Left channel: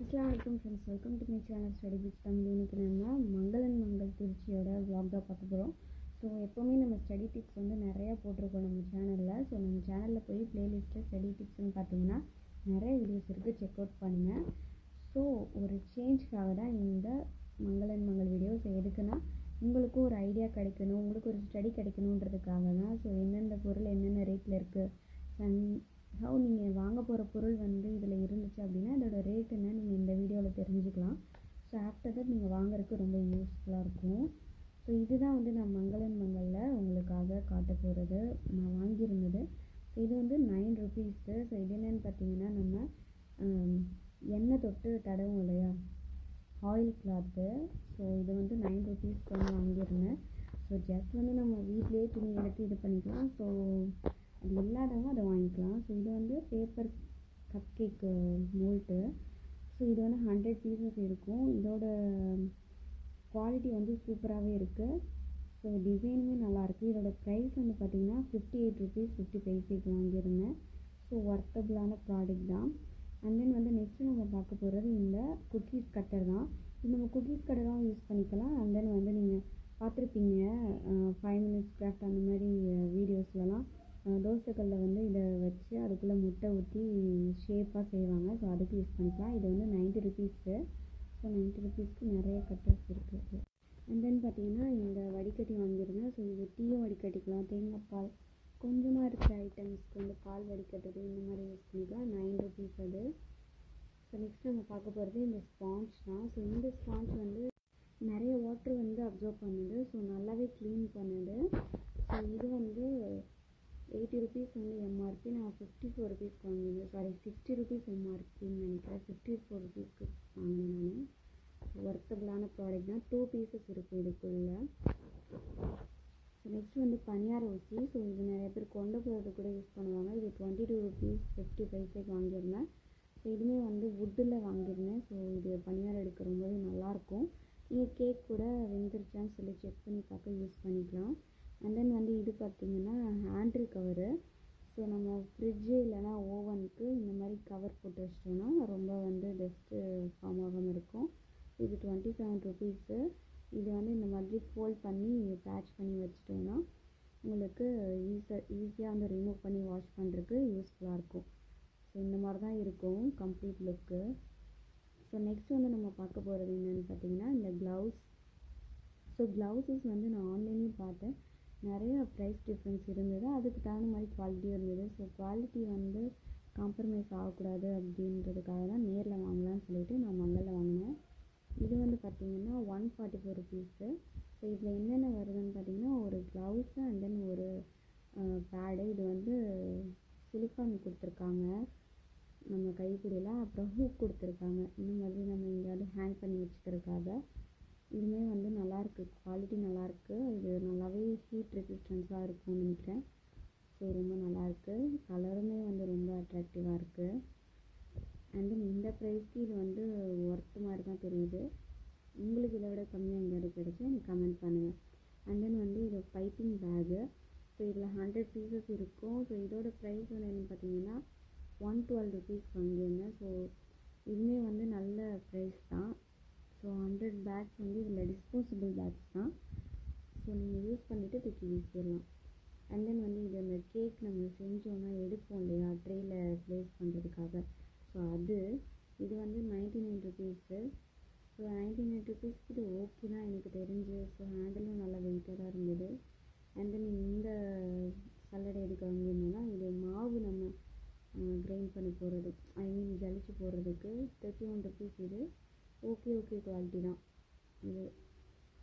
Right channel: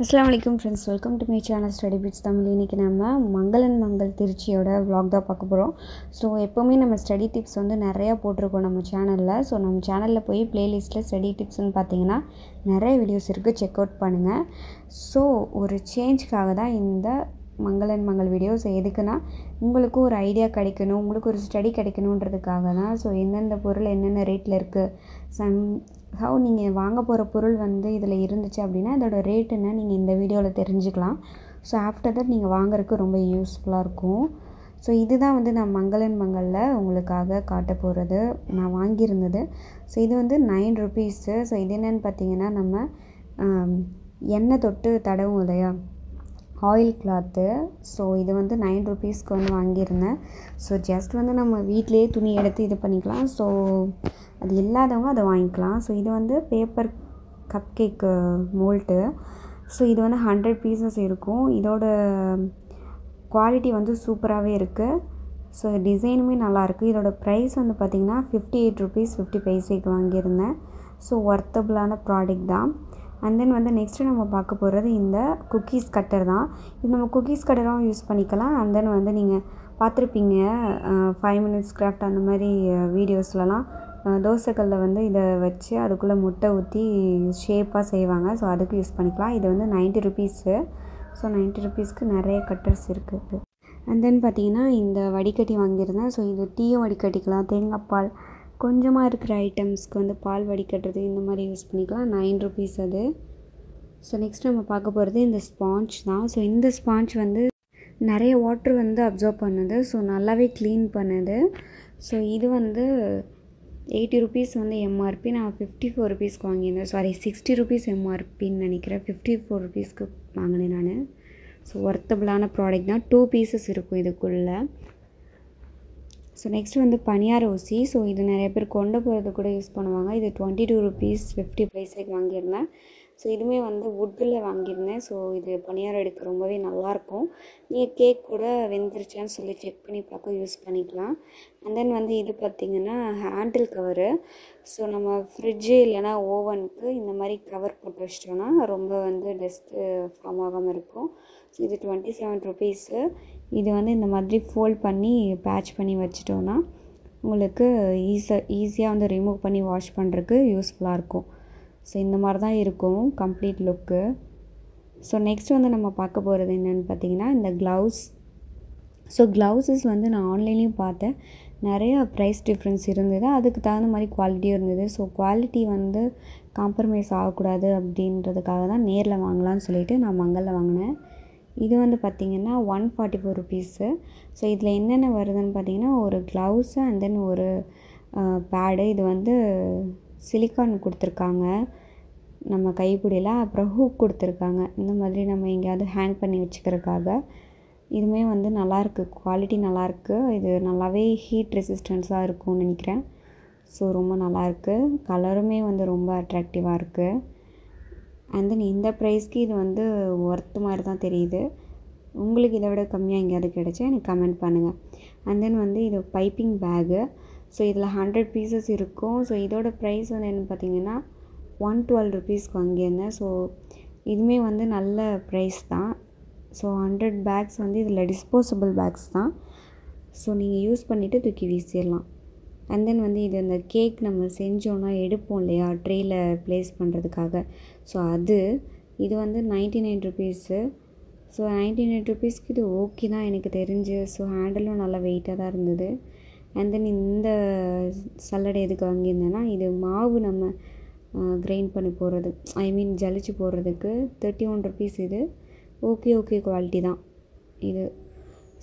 அஸ்ஸலாமு அலைக்கும் friends, welcome to my channel study bits Tamil. இன்றைக்கி நம்ம மங்களன் மங்கள் திருச்சியோட vlog தான் பார்க்க போகிறோம். ஸோ எப்போவுமே நம்ம ஸ்டடி டிப்ஸ் வந்து நிறையா போட்டிருக்கோம் நம்ம சேனலில். ஸோ நம்ம சேனலில் போய் ப்ளேலிஸ்ட்டில் ஸ்டடி டிப்ஸ்னு பார்த்தீங்கன்னா நிறைய வீடியோஸ் இருக்குது, செக் அவுட் பண்ணுங்கள். ஸோ ஒரு சேஞ்சுக்காக தான் இந்த மங்களன் மங்கள் வீடியோஸ். எதுக்குன்னா உங்களுக்கும் ஒரு ஐடியா கிடைக்கணும், உங்களுக்கு ஒரு ஸ்டடி கிடைக்கணுன்றதுக்காக தான். ஸோ எந்தெந்த பொருள் என்னென்ன ரேட்டில் இருக்குது, ஹவு நீங்கள் வாங்க போகிற பொருள் வந்து இதில் இருந்துச்சு அப்படின்னா இதோட ரேட் என்ன நீங்கள் இந்த வீடியோவில் தெரிஞ்சுக்கலாம். ஸோ ஆஃப்டர் தட் நீங்கள் வாங்குறதுக்கு ரொம்ப யூஸ்ஃபுல்லாக இருக்கும். ஸோ இதுதான் வந்து நான் மங்களன் மங்களில் உங்களுக்காக காட்ட போகிறது, நான் வாங்கியிருந்தது. ஸோ இது வந்து 9 ருபீஸு. ஸோ இது என்னென்னு பார்த்தீங்கன்னா நம்ம எண்ணெய் தொட்டு தடவும் இல்லையா, ஆயில் கிளாத்து. ஸோ இது வந்து 9 ருபீஸ்க்கு வந்து வாங்கியிருந்தேன். ஸோ ஜஸ்ட் வந்து நம்ம வீட்டிலேயே துணி எடுத்து இது பண்ணிக்கலாம். ஸோ அது இல்லாதவங்க அதை வாங்கிக்கலாம். ஸோ இது வந்து பேப்பர் கப் கேக்கு மோல்ட்டு. ஸோ இது வந்து 100 பீசஸ் இருக்கும். இதோட குவாலிட்டி வந்து சூப்பராகவே இருக்குது. ஸோ டிசைனுமே நல்லாயிருக்கு. இதோட ப்ரைஸ் வந்து பார்த்திங்கன்னா 58 ருபீஸ் 50 பைசேக்கு வாங்கியிருந்தேன். ஸோ ஒர்த்தபுளான ப்ராடக்ட் தான். அண்ட் தென் வந்து நெக்ஸ்ட்டு நம்ம பார்க்க போகிறது இந்த குக்கீஸ் கட்டர் தான். இது நம்ம குக்கீஸ் கட்டராகவும் யூஸ் பண்ணிக்கலாம். அண்ட் தென் வந்து நீங்கள் பார்த்துருப்பீங்க 5 மினிட்ஸ் கிராஃப்ட் அந்த மாதிரி வீடியோஸ்லலாம் தோசைக்கல்லில் வந்து இதை வச்சு அதுக்குள்ளே முட்டை ஊற்றி ஷேப்பாக செய்வாங்க. ஸோ அதுக்கு யூஸ் பண்ணிக்கலாம். இது வந்து 90 ருபீஸு. ஸோ 90 ருபீஸ்க்கு நிறைய கட்டர்ஸ் இருக்குது. அண்ட் தென் பார்த்திங்கன்னா இந்த வடிகட்டி வாங்கியிருந்தேன். ஸோ இது டீயும் வடிகட்டிக்கலாம், தேங்காய் பால் கொஞ்சமாக இருக்கிற ஐட்டம்ஸ்க்கு வந்து பால் வடிகட்டுறது இந்த மாதிரி யூஸ் பண்ணிக்கலாம். 9 ருபீஸ் அது. ஸோ நெக்ஸ்ட் நம்ம பார்க்க போகிறது இந்த ஸ்பாஞ்ச் தான். ஸோ இந்த ஸ்பாஞ்ச் வந்து நிறைய வாட்ரு வந்து அப்சர்வ் பண்ணுது. ஸோ நல்லாவே க்ளீன் பண்ணுது. ஸோ இது வந்து 80 ருபீஸ் வந்து எம்ஆர்பி. நான் 54 ருபீஸ்க்கு வாங்கியிருந்தேன். சாரி 60 ருபீஸ் எம்ஆர்பின்னு நினைக்கிறேன். 54 ருபீஸ்க்கு வாங்கினேன் நான். ஸோ ஒர்த்தபுளான ப்ராடக்ட் தான். 2 பீசஸ் இருக்கும் இதுக்குள்ளே. ஸோ நெக்ஸ்ட் வந்து பனியார ஊசி. ஸோ இது நிறைய பேர் கொண்டு போகிறது கூட யூஸ் பண்ணுவாங்க. இது 22 ருபீஸ் 50 பைசேக்கு வாங்கியிருந்தேன். ஸோ இதுவுமே வந்து வுட்டில் வாங்கியிருந்தேன். ஸோ இது பனியாரம் எடுக்க ரொம்பவே நல்லாயிருக்கும். நீங்கள் கேக் கூட வெந்துருச்சான்னு சொல்லி செக் பண்ணி பார்க்க யூஸ் பண்ணிக்கலாம். அண்ட் தென் வந்து இது பார்த்திங்கன்னா ஹேண்டில் கவரு. ஸோ நம்ம ஃப்ரிட்ஜு இல்லைனா ஓவனுக்கு இந்த மாதிரி கவர் போட்டு வச்சிட்டோன்னா ரொம்ப வந்து டஸ்ட்டு ஃபார்ம் ஆகாமல் இருக்கும். ஸோ இது 27 ருபீஸு. இது வந்து இந்த மாதிரி ஃபோல்ட் பண்ணி பேட்ச் பண்ணி வச்சிட்டோன்னா உங்களுக்கு ஈஸியாக வந்து ரிமூவ் பண்ணி வாஷ் பண்ணுறதுக்கு யூஸ்ஃபுல்லாக இருக்கும். ஸோ இந்த மாதிரி தான் இருக்கும் கம்ப்ளீட் லுக்கு. ஸோ நெக்ஸ்ட் வந்து நம்ம பார்க்க போகிறது என்னென்னு பார்த்தீங்கன்னா இந்த க்ளவுஸ். ஸோ க்ளவுஸஸ் வந்து நான் ஆன்லைன்லேயும் பார்த்தேன், நிறையா ப்ரைஸ் டிஃப்ரென்ஸ் இருந்தது, அதுக்கு தகுந்த மாதிரி குவாலிட்டியும் இருந்தது. ஸோ குவாலிட்டி வந்து காம்ப்ரமைஸ் ஆகக்கூடாது அப்படின்றதுக்காக தான் நேரில் வாங்கலாம்னு சொல்லிவிட்டு நான் மங்களில் வாங்கினேன். இது வந்து பார்த்திங்கன்னா 144 ருபீஸு. ஸோ இதில் என்னென்ன வருதுன்னு பார்த்திங்கன்னா ஒரு க்ளவுஸு அண்ட் தென் ஒரு பேடு. இது வந்து சிலிக்கான் கொடுத்துருக்காங்க நம்ம கைப்பிடியில், அப்புறம் ஹூக் கொடுத்துருக்காங்க இந்த மாதிரி நம்ம எங்கேயாவது ஹேங் பண்ணி வச்சுக்கிறதுக்காக. இதுவுமே வந்து நல்லாயிருக்கு, குவாலிட்டி நல்லாயிருக்கு. இது நல்லாவே ஹீட் ரெசிஸ்டன்ஸாக இருக்கும்னு நினைக்கிறேன். ஸோ ரொம்ப நல்லாயிருக்கு. கலருமே வந்து ரொம்ப அட்ராக்டிவாக இருக்குது. அண்ட் தென் இந்த ப்ரைஸ்க்கு இது வந்து ஒர்த்து மாதிரி தான் தெரியுது. உங்களுக்கு இதை விட கம்மியாக எங்கேயாவது கிடச்சா எனக்கு கமெண்ட் பண்ணுங்கள். அண்ட் தென் வந்து இது பைப்பிங் பேகு. ஸோ இதில் 100 பீசஸ் இருக்கும். ஸோ இதோட ப்ரைஸ் வந்து என்ன பார்த்திங்கன்னா 112 ருபீஸ்க்கு வாங்கியிருந்தேன். ஸோ இதுவுமே வந்து நல்ல ப்ரைஸ் தான். ஸோ 100 பேக்ஸ் வந்து இதில் டிஸ்போசபிள் பேக்ஸ் தான். ஸோ நீங்கள் யூஸ் பண்ணிவிட்டு தூக்கி வீசிடலாம். அண்ட் தென் வந்து இது அந்த கேக் நம்ம செஞ்சோன்னா எடுப்போம் இல்லையா ட்ரேயில் ப்ளேஸ் பண்ணுறதுக்காக. ஸோ இது வந்து 99 ருபீஸு. ஸோ 99 ருபீஸ்க்கு இது ஓகே தான் எனக்கு தெரிஞ்சு. ஸோ ஹேண்டிலும் நல்லா வெயிட்டாக தான் இருந்தது. அண்ட் தென் இந்த சல்லடை எதுக்கு வாங்கியிருந்தேன்னா இது மாவு நம்ம கிரைண்ட் பண்ணி போடுறது, ஐ மீன் ஜலிச்சு போடுறதுக்கு 31 ருபீஸ். இது ஓகே குவாலிட்டி தான் இது.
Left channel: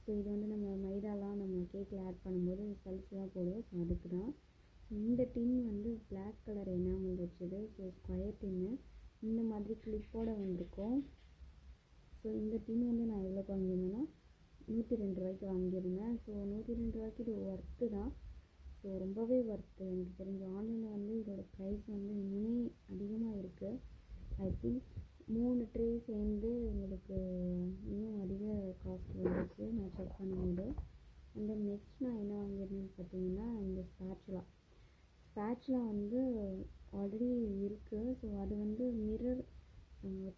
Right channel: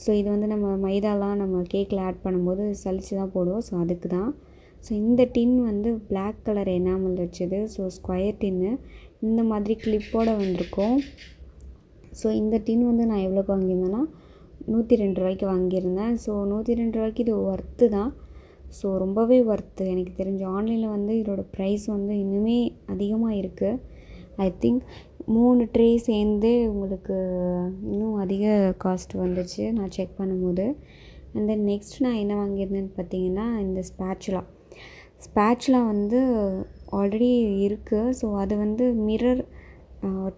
ஸோ இது வந்து நம்ம மைதாலாம் நம்ம கேக்கில் ஆட் பண்ணும்போது சலிச்சு தான் போடுவோம். ஸோ அதுக்கு தான். ஸோ இந்த டின் வந்து பிளாக் கலர் எனாமல் வச்சது. ஸோ ஸ்கொயர் டின்னு இந்த மாதிரி கிளிப்போடு வந்திருக்கும். ஸோ இந்த டின் வந்து நான் எவ்வளோக்கு வாங்கியிருந்தேன்னா 102 ரூபாய்க்கு வாங்கியிருந்தேன். ஸோ 102 ரூபாய்க்கு இது ஒர்த்து தான். ஸோ ரொம்பவே ஒர்த்து எனக்கு தெரிஞ்சு. ஆன்லைனில் வந்து இதோட ப்ரைஸ் வந்து இன்னுமே அதிகமாக இருக்குது. ஐ திங்க் 3 ட்ரே சேர்ந்து உங்களுக்கு இன்னும் அதிக காஸ்ட் வந்துச்சு நான் செக் பண்ணும்போது. அண்ட் தென் நெக்ஸ்ட் நான் என்ன வாங்கியிருந்தேன்னு பார்த்தீங்கன்னா இந்த ஸ்பேச்சுலா வந்து ஆல்ரெடி இருக்குது. ஸோ அது வந்து மிரர்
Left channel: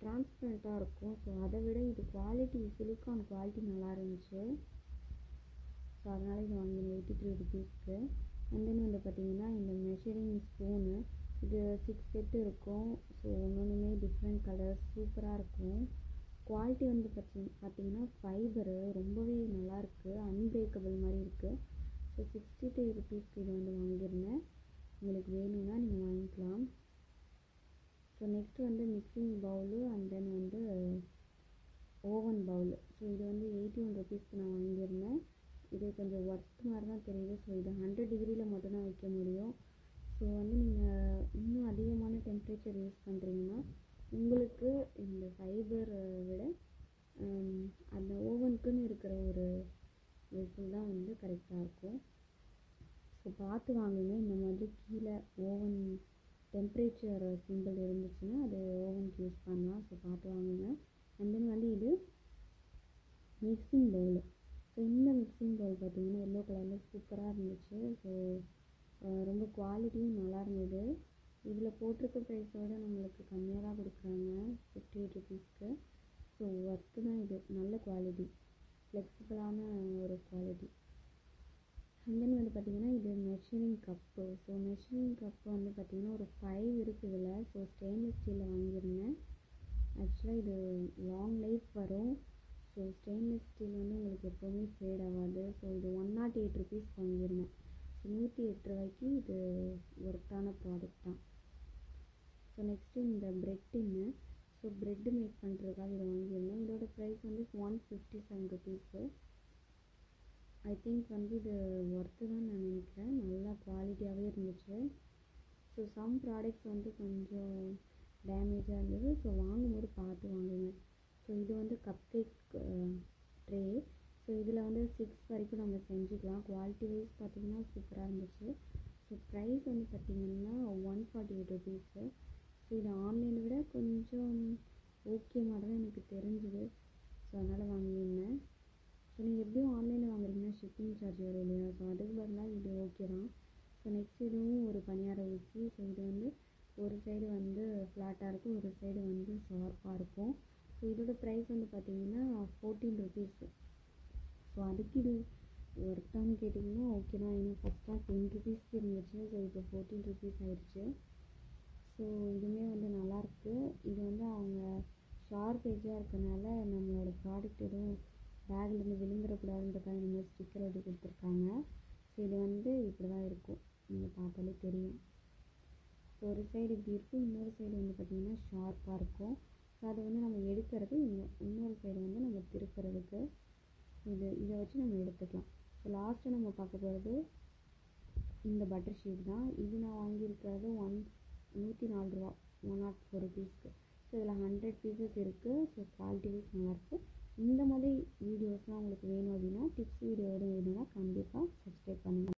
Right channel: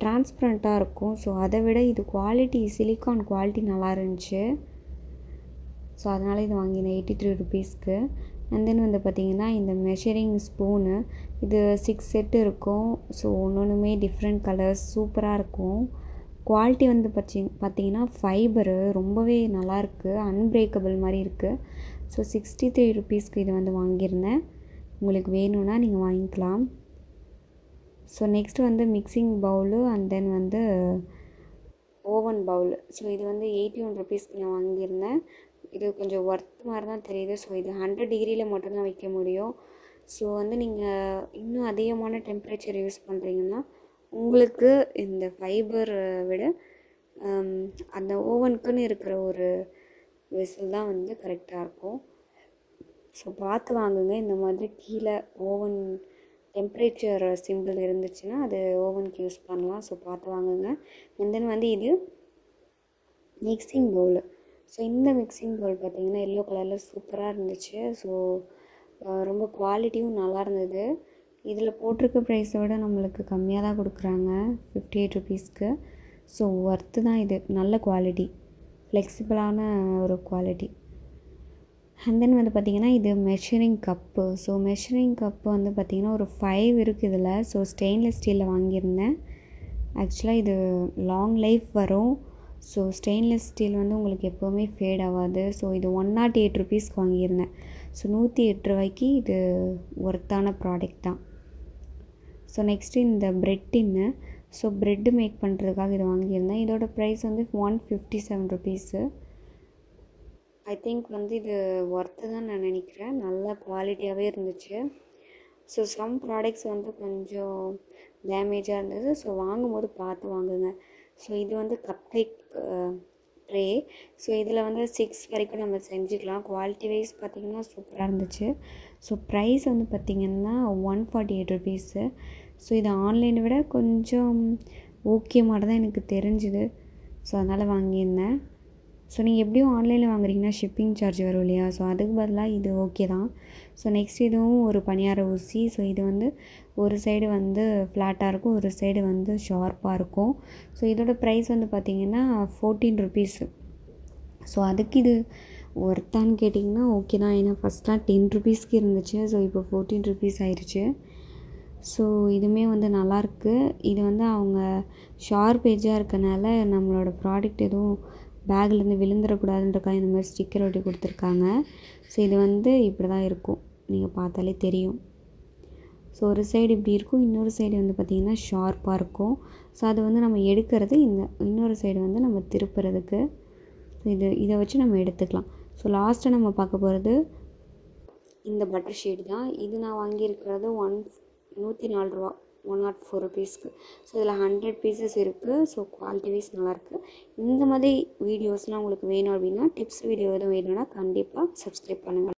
டிரான்ஸ்பரண்ட்டாக இருக்கும். ஸோ அதை விட இது குவாலிட்டி சிலிக்கான் குவாலிட்டி நல்லா இருந்துச்சு. ஸோ அதனால் இது வாங்கினேன் 83 ருபீஸ்க்கு. அண்ட் தென் வந்து பார்த்திங்கன்னா இந்த மெஷரிங் ஸ்பூனு இது 6 செட் இருக்கும். ஸோ ஒன்றுமே டிஃப்ரெண்ட் கலர்ஸ் சூப்பராக இருக்கும். குவாலிட்டி வந்து பார்த்திங்கன்னா ஃபைபரு ரொம்பவே நல்லாயிருக்கு, அன்பிரேக்கபிள் மாதிரி இருக்குது. ஸோ 63 ருபீஸ்க்கு இது வந்து வாங்கியிருந்தேன். உங்களுக்கு வேணும்னா நீங்கள் வாங்கிக்கலாம். ஸோ நெக்ஸ்ட்டு வந்து மிக்சிங் பவுலு அண்ட் தென் வந்து ஓவன் பவுல். ஸோ இது வந்து 81 ருபீஸ்க்கு நான் வாங்கியிருந்தேன். இது கொஞ்சம் ஒர்த் மாதிரி தான் தெரியுது. ஸோ இது 100 டிகிரியில் மட்டும்தான் வைக்க முடியும். ஸோ வந்து நீங்கள் இன்னும் அதிகமான டெம்பரேச்சர் யூஸ் பண்ணுறீங்கன்னா உங்களுக்கு இந்த ஃபைபர் விட அந்த ஓவனுக்குன்னு இருக்கிற ஒரு வெசல் தான் வந்து கரெக்டாக இருக்கும். ஸோ பார்த்து வாங்குங்க. இந்த மாதிரி கீழே ஓவன் டெம்பரேச்சர் சிம்பிள் இருந்துச்சுன்னா அது ஓவனுக்கு யூஸ் பண்ணலாம். ஸோ பார்த்து வாங்குங்க. அண்ட் தென் வந்து இது மிக்சிங் பவுலு. ஸோ இந்த மிக்சிங் பவுல் பார்த்திங்கன்னா எல்லோ கலரில் சூப்பராக இருந்துச்சு. ஸோ ரொம்ப குவாலிட்டியும் நல்லா இருந்தது. இதில் போட்டிருக்க ப்ரைஸை விட நம்மளுக்கு கம்மியாக தான் கொடுக்குறாங்க 58 ருபீஸ்க்கு. ஸோ ஒர்த்து தான் இது. நல்ல குவாலிட்டி, ஃப்ளெக்சிபிளான ஒரு குவாலிட்டி. அண்ட் தென் வந்து பார்த்திங்கன்னா இது measuring cup. So measuring cup வந்து பார்த்திங்கன்னா ஒரு 5 இருக்குது இதில். ஸோ ஸ்டெயின்லெஸ் ஸ்டீலில் வாங்கியிருந்தேன். ஆக்சுவலாக இது லாங் லைஃப் வரும். ஸோ ஸ்டெயின்லெஸ் ஸ்டீல் வந்து உங்களுக்கு எப்போவுமே ஃபேட் ஆகாது. ஸோ இது 108 ருபீஸ்க்கு வாங்கியிருந்தேன். ஸோ 108 ரூபாய்க்கு இது ஒர்த்தான ப்ராடக்ட் தான். ஸோ நெக்ஸ்ட்டு இந்த ப்ரெட் டின்னு. ஸோ ப்ரெட்டு மேக் பண்ணுறதுக்காக இது வாங்கியிருந்தேன். இதோட ப்ரைஸ் வந்து 157 ருபீஸு. ஐ திங்க் வந்து இது ஒர்த்து தான் நான் நினைக்கிறேன். நல்ல குவாலிட்டியாகவே இருந்துச்சு. ஸோ சம் ப்ராடக்ட்ஸ் வந்து கொஞ்சம் டேமேஜாக இருந்தது. ஸோ வாங்கும்போது பார்த்து வாங்குங்க. ஸோ இது வந்து கப் கேக் ட்ரே. ஸோ இதில் வந்து 6 வரைக்கும் நம்ம செஞ்சுக்கலாம். குவாலிட்டி வைஸ் பார்த்திங்கன்னா சூப்பராக இருந்துச்சு. ஸோ ப்ரைஸ் வந்து பார்த்திங்கன்னா 148 ருபீஸு. ஸோ இது ஆன்லைனை விட கொஞ்சம் ஓகே மாதிரி தான் எனக்கு தெரிஞ்சுது. ஸோ அதனால் வாங்கியிருந்தேன். ஸோ நீங்கள் எப்படியும் ஆன்லைனில் வாங்குறீங்கன்னா ஷிப்பிங் சார்ஜ் வரும் இல்லையா? ஸோ அதுக்கு பதிலாக இது ஓகே தான். ஸோ நெக்ஸ்ட் இதுவும் ஒரு பணியார ஊசி. ஸோ இது வந்து ஒரு சைடு வந்து ஃப்ளாட்டாக இருக்கும், ஒரு சைடு வந்து ஷார்ப்பாக இருக்கும். ஸோ இதோட ப்ரைஸ் வந்து பார்த்திங்கன்னா 14 ருபீஸு. ஸோ அதுக்கு இது ஒர்த்தான்னு கேட்டிங்கன்னா ஓகே தான். ஏன்னா ஃபஸ்ட்டாக 10 ருபீஸ்க்கு இருந்துச்சு. ஸோ இப்போ 14 ருபீஸ் ஆயிடுச்சு. ஸோ இதுவுமே வந்து நல்லாயிருக்கு. இது வந்து அவங்க ஷார்ப் எட்ஜாக இருக்கனால நம்மளோட ப்ராடக்ட் எதுவும் பேக்லேருந்து விழுந்துடக்கூடாதுன்றக்காக இந்த மாதிரி ஸ்டிக்கர் ஒட்டி கொடுத்துருக்காங்க. ஸோ இது வந்து இப்படி தான் இருக்கும், நீங்கள் பார்த்தாலே தெரியும். ஸோ ஒரு சைடு இப்படி இருக்கும், இன்னொரு சைடு வந்து பார்த்திங்கன்னா ஷார்ப்பாக இருக்கும். ஸோ அது வந்து நம்ம எடுக்கிறது, இந்த இன்னொரு சைடு வந்து நம்ம திருப்புறதுக்கு. இதை வச்சு நம்ம எடுத்துக்கலாம். ஸோ லாஸ்ட்டாக நம்ம பார்க்க போகிறது இந்த பட்டர் ஷீட் தான். இது நான் வாங்கியிருக்கிறது 104 ரூபா, 104 ருபீஸ்க்கு. ஸோ இதில் 100 பீசஸ் இருக்குது. ஸோ குவாலிட்டி வைஸ் நல்லாயிருக்கு. இந்த மாதிரி வீடியோஸ்லாம் உங்களுக்கு வேணும் அப்படின்னா, டிப்ஸ் வீடியோ எதுவும் வேணும்னா கண்டிப்பாக சப்ஸ்கிரைப் பண்ணுங்கள்.